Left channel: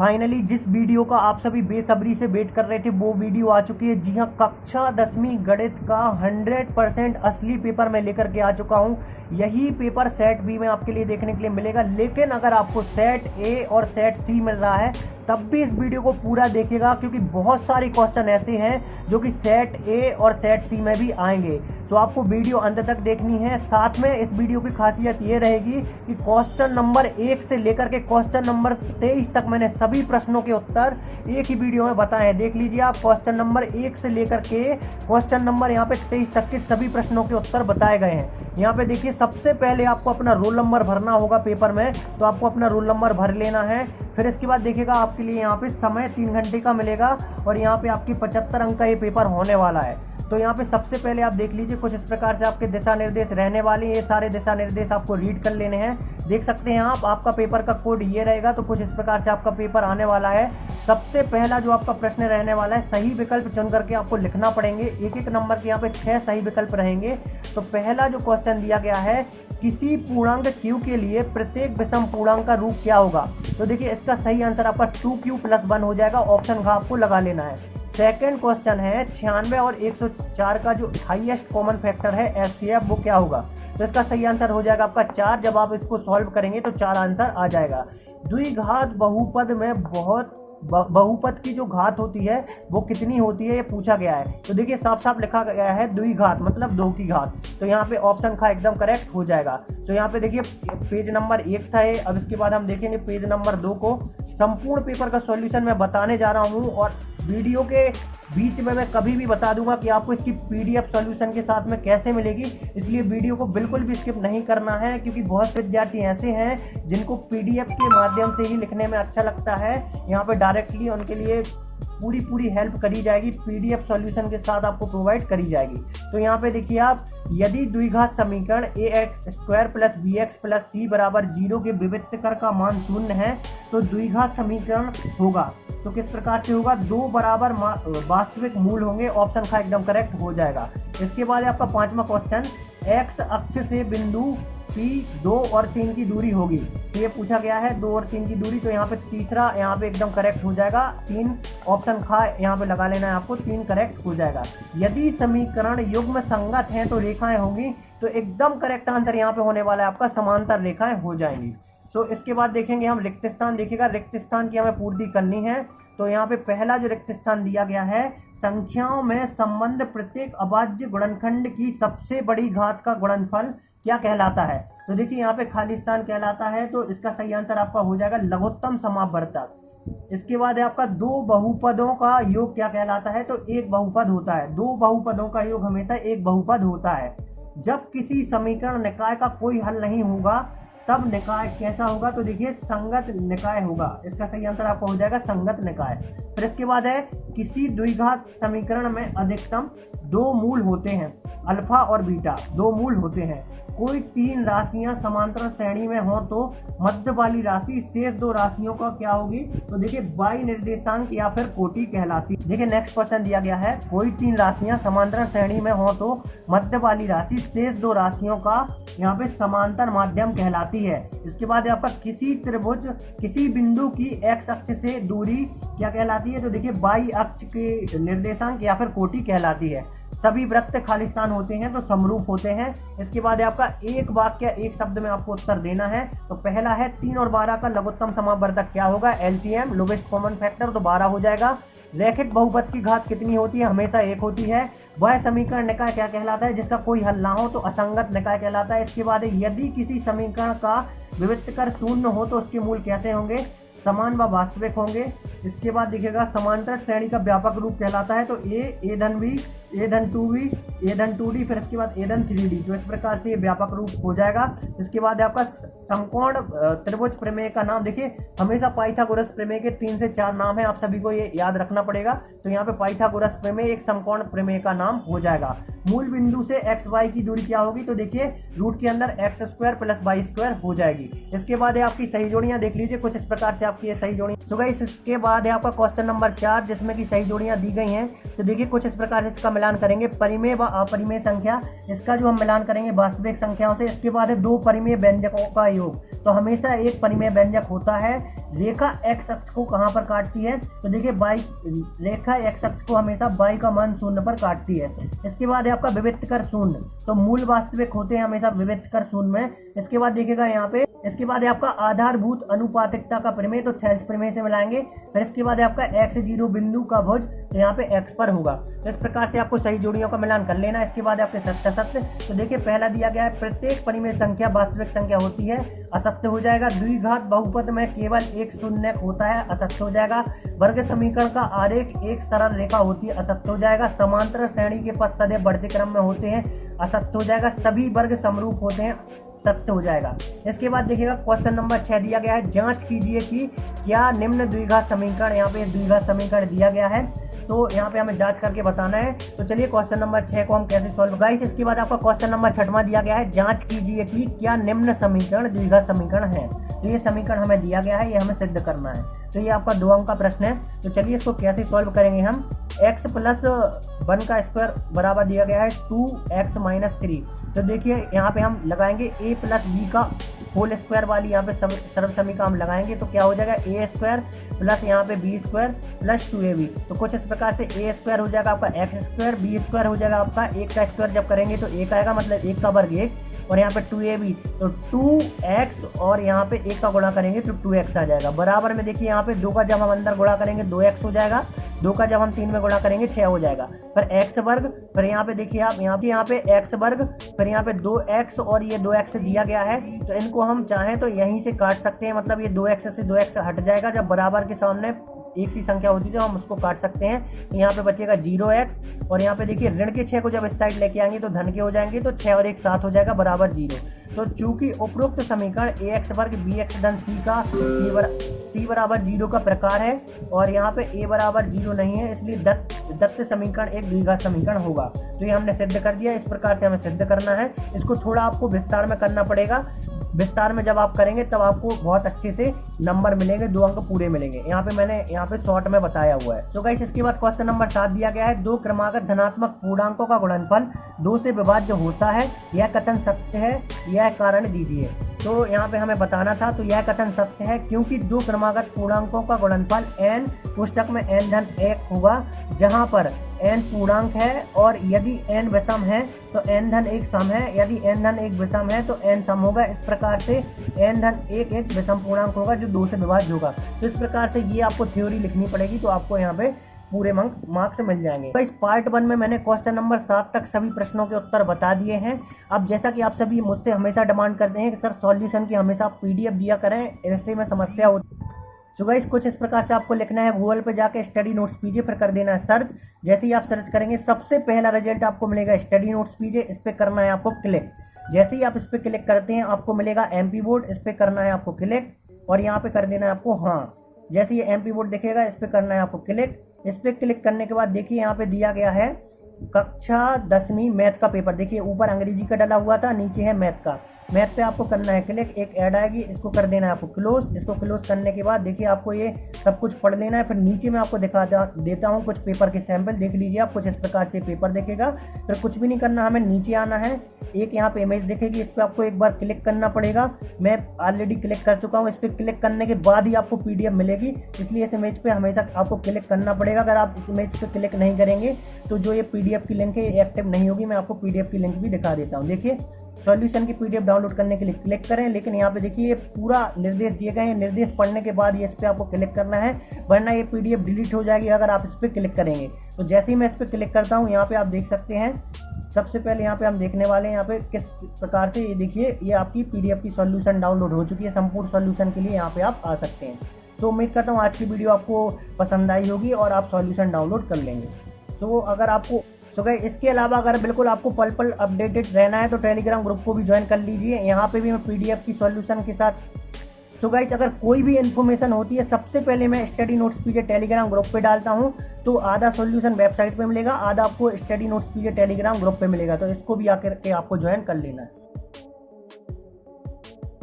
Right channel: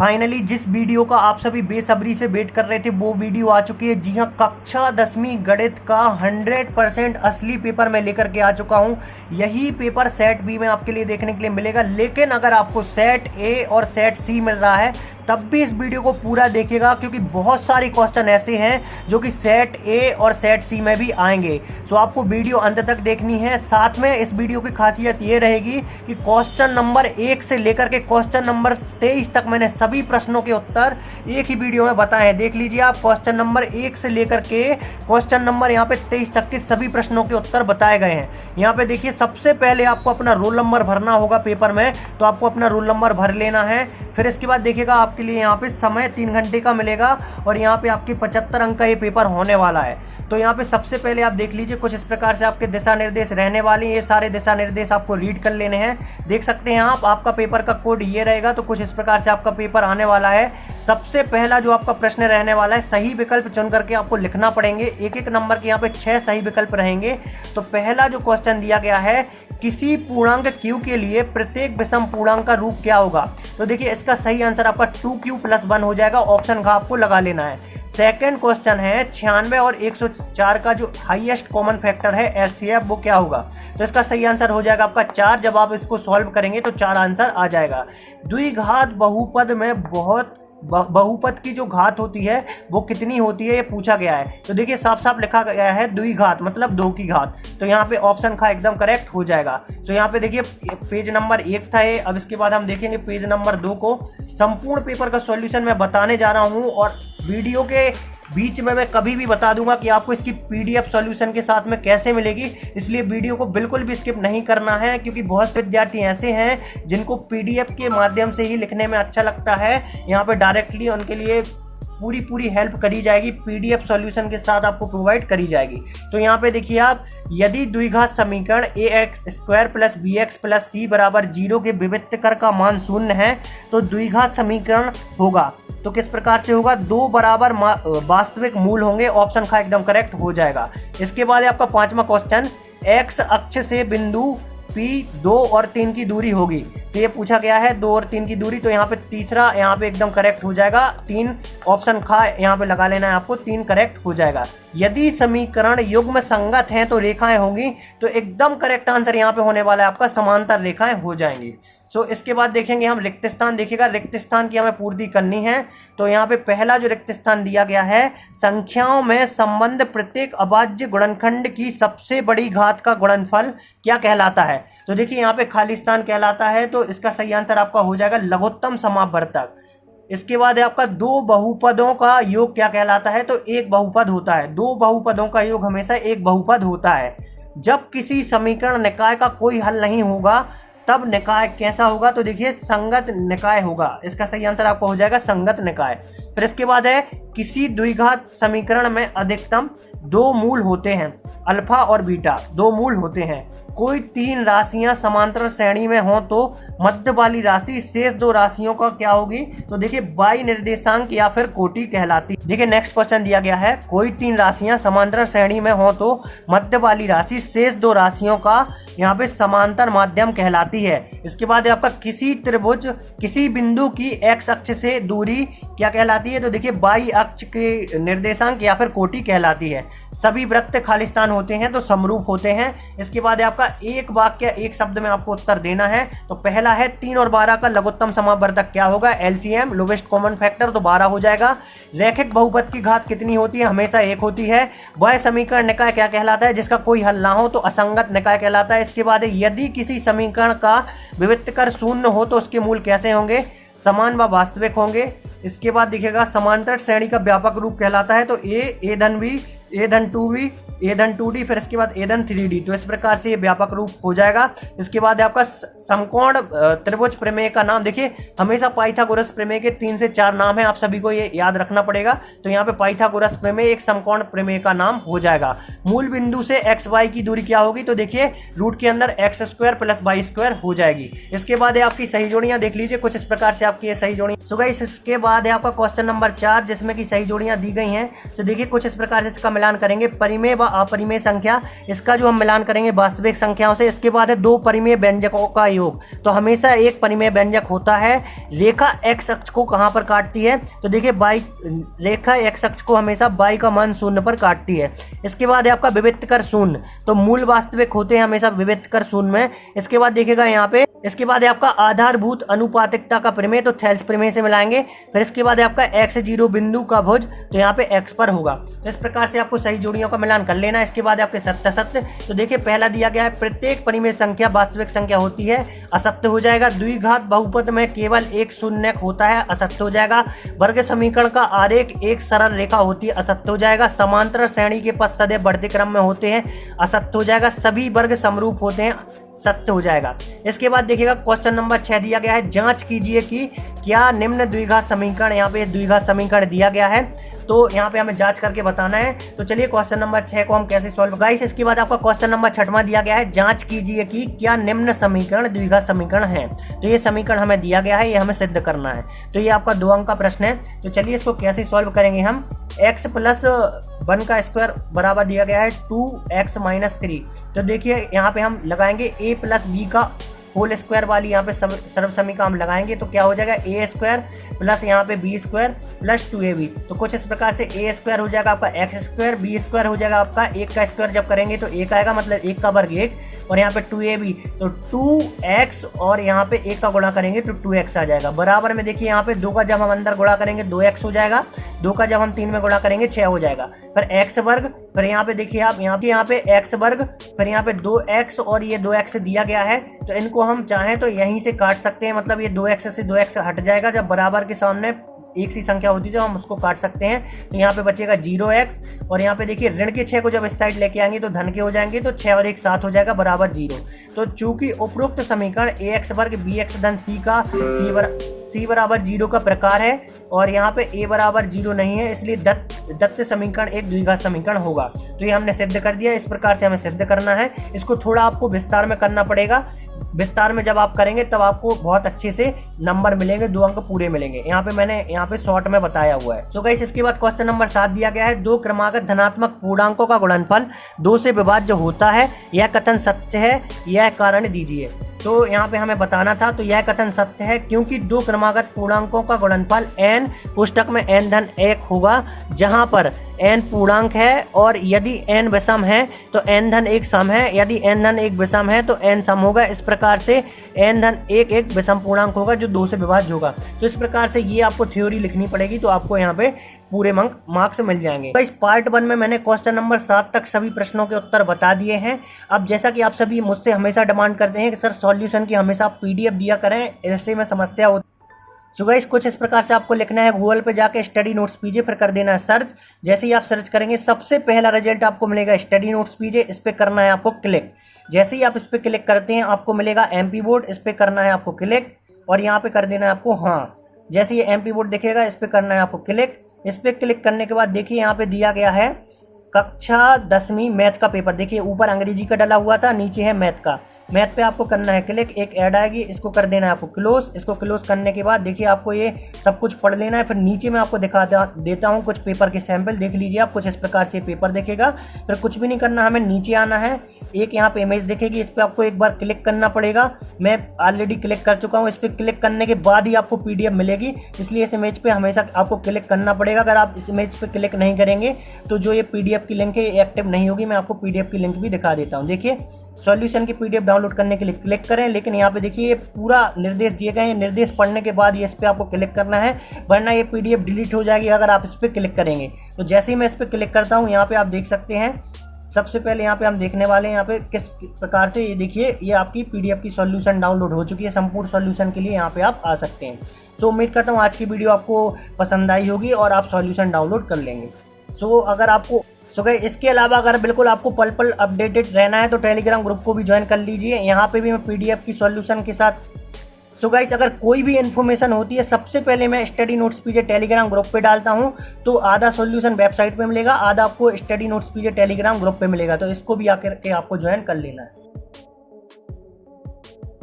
Finally जिस video का आप सभी बेसब्री से वेट कर रहे थे वो वीडियो आ चुकी है। जी हाँ, कक्षा 10वीं गणित का 100% असली पेपर मैं लेकर के आ चुका हूँ। यही पेपर सेट बी में आपके लिए देखने के लिए मिलेगा, लेकिन अगर आपको सेट ए और सेट सी मिल रहा है तब भी इस वीडियो को पूरा देखिएगा, क्योंकि बहुत सारे क्वेश्चन ऐसे हैं जो कि सेट ए और सेट सी में भी आएंगे। सो आपको वीडियो अंत तक देखनी है। साथ में इस वीडियो की खासियत ये रहेगी कि क्वेश्चन नंबर 1 से लेकर के क्वेश्चन नंबर 23 तक मैंने सभी प्रश्नों के उत्तर एक ही वीडियो में बताए हैं। देख लीजिए आप, क्वेश्चन नंबर 1 से लेकर के क्वेश्चन नंबर यहाँ पे 23 तक के सभी प्रश्नों के उत्तर बताए गए हैं। यहाँ पे देखिए, सबसे पहले आपको अपना रोल नंबर भरना होगा पेपर में, तो आपको अपना रोल नंबर भर लेना है। फिर इसके बाद देखिएगा आपके लिए यहाँ पे समय 3 घंटे का मिलेगा और यहाँ पे आपके 75 अंक का ये पेपर होने वाला है। तो यहाँ पे सबसे पहले आप देख लीजिए, कुछ इस प्रकार से आपके दिशा निर्देश रहने वाले हैं। ये सारे दिशा निर्देश आपको रीड कर लेने हैं। देख सकते हैं आप, आपका पेपर का कोड ये रहेगा। तो कुछ इस प्रकार से आपका पेपर आने वाला है। सबसे पहला जो आपका प्रश्न रहने वाला है, सही विकल्प चुन करके आपको लिखना पड़ेंगे। एक एक नंबर के यहाँ पे 6 सही विकल्प रहेंगे। तो पहला जो क्वेश्चन दिया गया है, किसी पूर्णांक q के लिए प्रत्येक विषम पूर्णांक का रूप क्या होगा। तो देखिए, इसका सही आंसर आपका 2q + 1 हो जाएगा। ऑप्शन का आपको लगा लेना है। सेकंड क्वेश्चन है, 96 और 104 का जो हाईएस्ट कॉमन फैक्टर है एलसीएम, वो क्या होगा। तो इसका सही आंसर हो जाएगा आपका 4। जब आप इसको सॉल्व करेंगे तो 4 आंसर आ जाएगा। द्विघात बहुपद में बहुपद की जो घात होती है वो कितनी होती है, ये पूछा गया है। तो देखिए, साफ साफ लिखा गया है द्विघात मतलब 2 की घात। तो यहाँ पे ऑप्शन का एकदम करेक्ट हो जाएगा। तो यहाँ पे देखिए, पेज नंबर 1 था ये। अब इसके बाद हम देखेंगे पेज नंबर 2 को। संपूर्ण पेपर का सॉल्यूशन मैं बताने जा रहा हूँ और वीडियो के बीच में मैं कभी भी बता दूंगा कि आपको इसकी पीडीएफ सॉल्यूशन के साथ में कैसे मिलेगी। इसलिए वीडियो को बिल्कुल भी स्किप नहीं करना है, क्योंकि बहुत से विद्यार्थी ऐसे हैं जिनको पीडीएफ के माध्यम से ही लिखने में अच्छा लगता है। यहाँ पे डायरेक्टली उनके लिए पूरी हेल्प करी जाएगी, पीडीएफ सॉल्यूशन के साथ आपको प्रोवाइड करी जाएगी। तो यहाँ पे देखिए आप, यदि द्विघात समीकरण ax² + bx + c = 0 के विविक्तकर का मान 0 है तो द्विघात समीकरण होगा। तो किस प्रकार से होगा, 2 बराबर वास्तविक मूल होंगे। ऑप्शन का एकदम करेक्ट हो जाएगा। इसके बाद आपका 5वां क्वेश्चन, एक्स अक्ष से बिंदु P 2 और 3 की दूरी होगी। तो ये पूछा गया है 2 और 3 की दूरी। तो यहाँ पे तीसरा यहाँ पे एकदम करेक्ट हो जाएगा। 3 ऑप्शन खा यहाँ पे लगा लेना है आपको, 3 करेक्ट हो जाएगा। यदि समीकरण युग्म संगत हैं तो रेखाएं होंगी। तो एकदम करेक्ट आंसर यहाँ पे होने वाला है आपका, समांतर रेखाएं हो जाएंगी। सो इसके बाद देखेंगे हम रिक्त स्थान। देखिएगा, रिक्त स्थान की हमें पूर्ति करनी है। तो यहाँ पे पहला जो रिक्त स्थान दिया गया है, संख्याओं में संबंध प्रत्येक अभाज्य गुणनखंड की सबसे बड़ी घात का गुणनफल क्या कहलाता है। तो देखिए, यहाँ पे खाली स्थान कहलाता है। तो इसका सही आंसर आपका हो जाएगा लघुत्तम समावर्तक। इसके बाद है आपका 2 बहुपदों का योग क्या कहलाता है। तो एक बहुपद होता है। 2 बहुपदों का योग हमेशा एक बहुपद होता है। जब किसी समीकरण निकाय का कोई हल नहीं होगा तब निकाय कैसा होगा। तो देखिए, संगत निकाय होगा। इसका सही आंसर आपको हो जाएगा संगत निकाय। फिर इसके बाद है, किसी द्विघात समीकरण में अधिकतम 2 मूल होते हैं, अल्फा और बीटा 2 मूल होते हैं। कोई 3 राशियां समांतर श्रेणी में हो तो मध्य वाली राशि शेष 2 राशियों का क्या होगी। तो देखिए, बाई निर्देशांक या फिर कोटि कहलाती। देखिए, नेक्स्ट क्वेश्चन दिया गया है, कोई 3 राशियां समांतर श्रेणी में हो तो मध्य वाली राशि शेष 2 राशियों का यहाँ पे समांतर माध्यम कहलाती है। इसके बाद आपका, किसी त्रिभुज किसी बिंदु की एक्स अक्ष से दूरी क्या कहलाती है। तो देखिए, बाई अक्ष के निर्देशांक या फिर कोटि कहलाती है। सभी वृत्त खाली स्थान होते हैं तो समरूप होते हैं। इसके बाद आपका एक वाक्य एक शब्द में आपको उत्तर देना है। तो पहला है, 3 और 12 का लघुत्तम समावर्तक क्या होगा। एलसीएम लोवेस्ट कॉमन फैक्टर, तो 12 हो जाएगा। रैखिक बहुपद की घात कितनी होती है, हमेशा 1 होती है। वह समीकरण निकाय क्या कहलाता है जिसका कोई हल ना हो। तो असंगत निकाय कहलाता है। इसके बाद यदि किसी समीकरण का विविक्तकर 0 हो तो उसके मूल कैसे होंगे, समान व वास्तविक होंगे। इसके बाद दिखेगा, समांतर श्रेणी का व्यापक रूप कहलाता है। तो a धन b, a धन 2b, a धन 2d, फिर इसके बाद a धन 3d। तो इस प्रकार से ये व्यापक रूप हो जाएगा। इसके बाद आपका समकोण त्रिभुज प्रमेय का नाम। देखिए, हमेशा पाइथागोरस प्रमेय के 3 से 4 नाम है, आप सभी को ये याद रखना पड़ेगा। तो यहाँ पे पाइथागोरस प्रमेय एक समकोण प्रमेय का नाम हो जाएगा। मूल बिंदु से एक्स वाई की दूरी क्या होगी। तो देखिए, रूट के अंदर x² + y² हो जाएगी। इसके बाद है आपकी सही जोड़ियां। देख लीजिए, कुछ इस प्रकार से आपकी ये सही जोड़ियां। सो गाइस, इसके बाद है आपका क्वेश्चन नंबर 4, जिसमें की सही जोड़ियां दी गई हैं। तो देखिए, कुछ इस प्रकार से इसका मिलान करेंगे। परिमेय व अपरिमेय संख्या, इसका जो हम मिलान करेंगे वास्तविक संख्याओं से। इसके बाद है दो परिमेय व्यंजकों का योग। तो हमेशा एक परिमेय व्यंजक होता है। रेखा x अक्ष को कहाँ पर काटती है, तो देखिए y, रेखा x अक्ष को हमेशा y का मान 0 पर काटती है। इसके बाद है आपका विविक्त कर शून्य, तो मूल वास्तविक होते हैं हमेशा विविक्त कर शून्य में। इसके बाद देखिएगा यहाँ पे, इसके बाद है आपका आधारभूत अनुपातिकता का प्रमेय, तो थेल्स प्रमेय से मिलाएंगे। फिर इसके बाद है आपका x0 बिंदु का भुज, तो यहाँ पे x पर होगा। तो इस प्रकार से आपको सही जोड़ियों का मिलान कर लेना है। इसके बाद आपके सत्य सत्य, तो देखिए पहला दिया गया है प्रत्येक परिमेय संख्या वास्तविक संख्या होती है, असत्य हो जाएगा। द्विघात बहुपद में केवल एक शून्यक होता है, असत्य हो जाएगा। वर्ग समीकरण का आरेख एक सरल रेखा होती है, असत्य हो जाएगा। समांतर श्रेणी के पद सदैव बढ़ते क्रम में होते हैं, असत्य हो जाएगा। सभी वर्ग समरूप होते हैं, सत्य हो जाएगा। इसके बाद देखिएगा क्वेश्चन नंबर 6 दिया गया है, जांच कीजिए कि क्या निम्न द्विघात समीकरण, यहाँ पे द्विघात समीकरण दिया गया है, तो यहाँ पे हमें जांच करके बताना है। तो चलिए क्वेश्चन नंबर 6 को हम कैसे सॉल्व गाइस। इसके बाद आपका क्वेश्चन नंबर 6वां दिया गया है, जांच कीजिए कि क्या निम्न समीकरण द्विघात समीकरण है। तो ये समीकरण हमें दिया गया है, ये हमें सिद्ध करना है। तो ये आपका 2 अंक का प्रश्न है। तो चलिए इसको कैसे सॉल्व करेंगे हम। x + 1 का स्क्वायर बराबर दिया गया है 2x - 3। तो देखिए यहाँ पे हम लगाएंगे a + b का होल स्क्वायर वाली यहाँ पे सर्व समीकरण हम लगाएंगे, तो क्या हो जाएगा a² प्लस यहाँ पे b² प्लस 2ab। तो कुछ इस प्रकार से a² हो जाएगा आपका x², b² हो जाएगा आपका 1 का स्क्वायर जब करेंगे तो 1 आएगा, मतलब 1 का वर्ग 1, और यहाँ पे 2ab, तो 2x और यहाँ पे 1 का गुणा करेंगे तो 2x आ जाएगा। बराबर में देखिए यहाँ पे 2 का जब हम अंदर गुणा करेंगे 2x हो जाएगा, 2 का जब हम 3 में गुणा करेंगे 6 हो जाएगा। फिर x², फिर यहाँ पे देखिए आप यहाँ पे x², फिर यहाँ पे 2x और ये 2x दिया गया है, तो इनको हम चाहें तो यहीं से काट सकते हैं, मतलब ये 2x से 2x हट जाएगा। जब बराबर के सामने एक सी संख्या होती है तो हम उसको काट सकते हैं। तो यहाँ पे बचेगा 0x, और यहाँ पे देखिए ऋण के 6 को जब इस साइड लेके आएंगे तो धन के हो जाएंगे, तो 6 और 1 7 हो जाएगा बराबर 0। तो चूंकि उपरोक्त समीकरण ax वर्ग bx धन c का c बराबर 0 का प्रकार है, और यहाँ पे a बराबर 0 नहीं है, इसलिए दत्त समीकरण एक द्विघात समीकरण होगा। तो ये हमने सिद्ध कर दिया। इस प्रकार से हमें सिद्ध करना है। इसको थोड़ा आपको विस्तार में करना पड़ेगा। विस्तार में जब आप करेंगे तब आपको बहुत अच्छे से नंबर मिलेंगे, 2 अंक पूरे मिलेंगे। मैंने यहाँ पे शॉर्ट में बताया हुआ है। सो गाइस इसके बाद क्वेश्चन नंबर 7 दिया गया है, 2 क्रमागत धनात्मक पूर्णांकों का गुणनफल 2 से विभाज्य होता है, यह कथन सत्य है, यह कारण दीजिए। तो यहाँ पे हमें बताना था, तो यह कथन सत्य है क्योंकि 2 क्रमागत पूर्णांकों का गुणनफल n पुस्तक में n धन 1 होगा, जहाँ पर n पूर्णांक है, और यदि n विषम है तो n धन 1 सम है, यदि n धन 1 विषम है तो n सम होगा। इस प्रकार से n धन 1 एक विषम पूर्णांक होगा जो 2 से विभाज्य होगा। तो इस प्रकार से ये आपको थ्योरी लिखनी पड़ेगी, तो आपको यहाँ पे पूरे मार्क्स मिल जाएंगे। तो इस पार्ट 1 में मैंने क्वेश्चन नंबर 7 तक सभी प्रश्नों के उत्तर बता दिए हैं। अब जैसा कि आप सभी मुझसे हमेशा डिमांड करते हैं कि सर सॉल्यूशन की हमेशा आप PDF दिया करें, ऐसे में समस्या होती। सो गाइस कुछ इस प्रकार से आपको लिखना है, गूगल पे जाके स्टडी नोट्स पीजे, फिर कर देना है सर्च। जैसे ही आप सर्च करेंगे सबसे पहला रिजल्ट आपको मिलेगा स्टडी नोट्स पीजे, इस पर करना है आपको क्लिक। जैसे ही आप इस पर क्लिक करते हैं आपको मिलेगा MP बोर्ड, इस पर करना है आपको क्लिक, और यहाँ पे कर देना है आपको हाँ। जैसे ये MP बोर्ड दिखेगा इस पर करना है आपको क्लिक। इस पर क्लिक करने के बाद देखिए यहाँ पे दिया गया है कक्षा 10वीं मैथ का पेपर। देखिए ऊपर अंग्रेजी का डला हुआ था, नीचे है मैथ का। मैथ पे आपको करना है क्लिक, एक ऐड आएगी, इसको कर देना है आपको क्लोज। इसको क्लोज करने के बाद देखिए आपको ये सब कुछ पढ़ लेना है। फिर नीचे मैं आपको दिखा देता हूँ कुछ पेपर के सैंपल, देख लीजिए आप। कुछ इस प्रकार से पेपर दिखेगा। फिर कुछ भी नहीं करना, हमें नीचे आना है, एक यहाँ पे इमेज दिखेगी, इस पर आपको एक बार क्लिक करना पड़ेगा। मैं ऑलरेडी क्लिक कर चुका हूँ। इस पर क्लिक करने के बाद ही आपको PDF मिलेगी, इसलिए इस इमेज पे हमेशा आपको क्लिक करना पड़ेगा। अगर आप इस इमेज पे क्लिक नहीं करेंगे तो जो ये PDF की लिंक है ये एक्टिव नहीं होगी। मैं आपको PDF की लिंक भी दिखा देता हूँ। देखिए सॉल्यूशन की PDF डाउनलोड करने के लिए क्लिक करें, लेकिन यहाँ पे देखिए ये पूरा निर्देश दिए गए हैं। निर्देश पढ़ने के बाद ये इस पर आपको क्लिक करना है, वरना ये PDF डिलीट हो जाएगी अगर आप इस पर क्लिक करेंगे। तो जैसे ही मैं इस पर क्लिक करता हूँ, यहाँ पे आप देख सकते हैं, सबसे पहले यहाँ पे हम देखने वाले हैं यहाँ पे किस प्रकार से, ये देखिए ये आपकी PDF की सॉल्यूशन डाउनलोड हो चुकी है। संपूर्ण सॉल्यूशन के लिए यहाँ पे आप आ सकते हैं। सो उम्मीद करता हूँ आज की वीडियो आपको पसंद आई होगी और आप सॉल्यूशन डाउनलोड कर लेंगे। सो गाइस इसके अलावा अगर बिल्कुल आपको पल पल अपडेटेड रहना है तो टेलीग्राम ग्रुप को भी ज्वाइन कर लीजिए। यहाँ पे भी मैं PDF की सॉल्यूशन के साथ। सो गाइस अगर कोई भी इन्फॉर्मेशन होती है सबसे पहले मैं स्टडी नोट्स पीजे टेलीग्राम ग्रुप पे डालता हूँ। तो आधा सॉल्यूशन वेबसाइट पे मिलेगा, आधा आपको स्टडी नोट्स पीजे टेलीग्राम ग्रुप पे मिलेगा। तो इसको भी आकर के आपको ज्वाइन कर लेना है।